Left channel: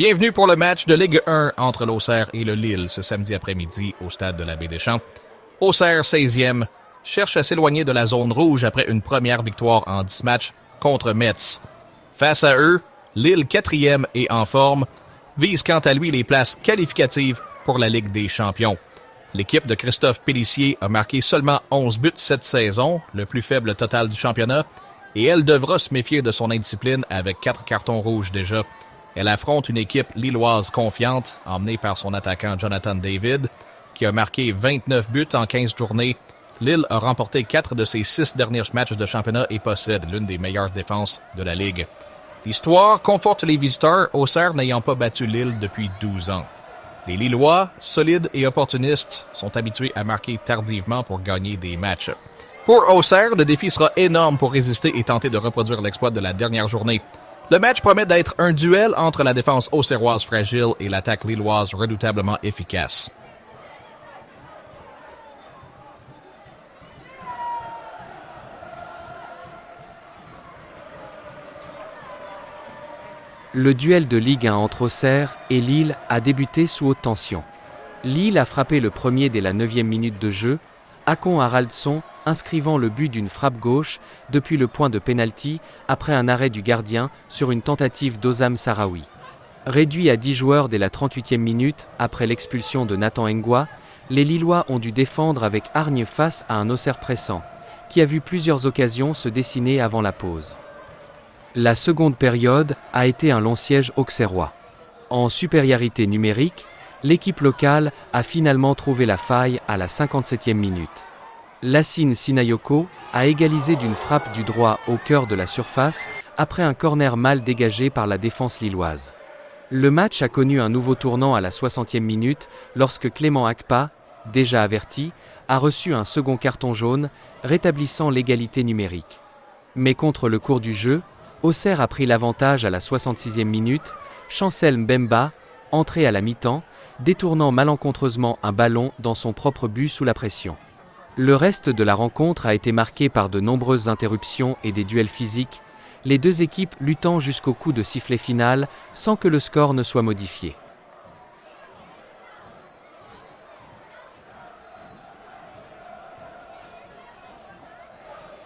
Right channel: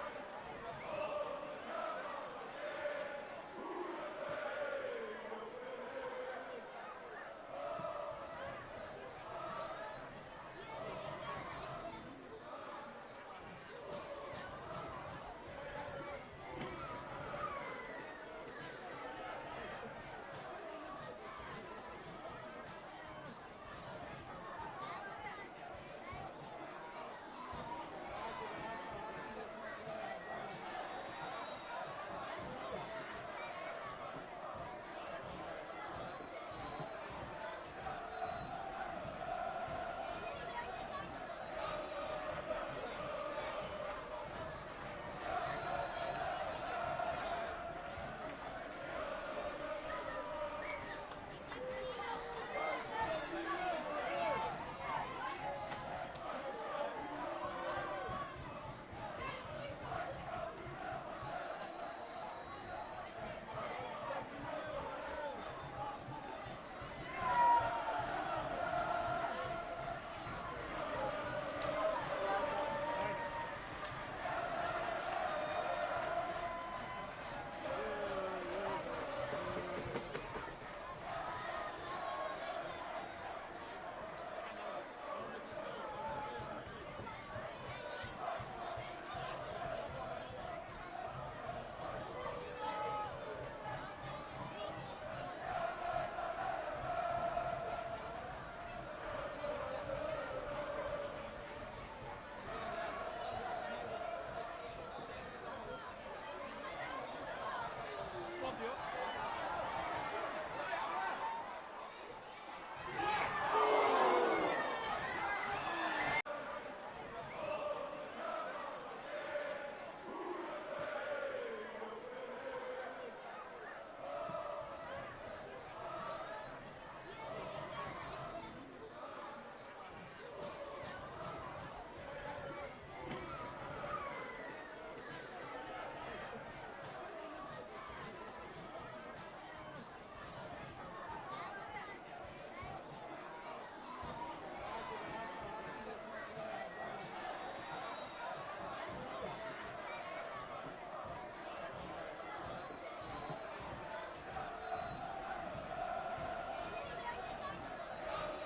Bienvenue pour le match de Ligue 1 entre l'Auxerre et le Lille ce samedi après-midi au stade de la Baie-des-Champs. Auxerre, 16e, cherche à s'éloigner de la zone rouge après une première victoire en 10 matchs contre Metz. Face à eux, Lille, 4e et en forme, vise quant à lui les places qualificatives pour la Ligue des champions. L'équipe de Christophe Pélissier a marqué seulement 11 buts cette saison, le plus faible total du championnat, et elle devra se méfier de son indiscipline avec 4 cartons rouges déjà. Elle affronte une équipe lilloise confiante, emmenée par son attaquant Jonathan David, qui a marqué 29 buts en 15 journées. Lille a remporté 4 de ses 6 derniers matchs de championnat et possède l'une des meilleures défenses de la Ligue. L'histoire conforte les visiteurs, Auxerre n'ayant pas battu Lille depuis 12 ans. Les Lillois, solides et opportunistes, sont habitués à marquer tardivement pour gagner des matchs. Pour Auxerre, le défi sera énorme pour résister et tenter de reproduire l'exploit de la dernière journée. Le match promet d'être un duel entre la défense auxerroise fragile et l'attaque lilloise redoutablement efficace. Le duel de Ligue 1 entre Auxerre et Lille a débuté sous haute tension. Lille a frappé le premier dès la 9e minute de jeu, Akon Haraldsson inscrivant le but d'une frappe gauche depuis le point de pénalty après un arrêt du gardien sur une tentative d'Ozam Sarawi. Réduit à 10 joueurs dès la 38e minute après l'expulsion de Nathan Engwa, les Lillois ont dû défendre avec hargne face à un Auxerre pressant, qui a vu plusieurs occasions se dessiner avant la pause. La seconde période a été un long siège auxerrois. En supériorité numérique, l'équipe locale a finalement trouvé la faille à la 57e minute. Lassine Sinayoko a égalisé d'une frappe du droit au cœur de la surface après un corner mal dégagé par la défense lilloise. Le match a connu un nouveau tournant à la 60e minute lorsque Clément Akpa, déjà averti, a reçu un second carton jaune, rétablissant l'égalité numérique. Mais contre le cours du jeu, Auxerre a pris l'avantage à la 66e minute, Chancel Mbemba, entré à la mi-temps, détournant malencontreusement un ballon dans son propre but sous la pression. Le reste de la rencontre a été marqué par de nombreuses interruptions et des duels physiques, les deux équipes luttant jusqu'au coup de sifflet final sans que le score ne soit modifié.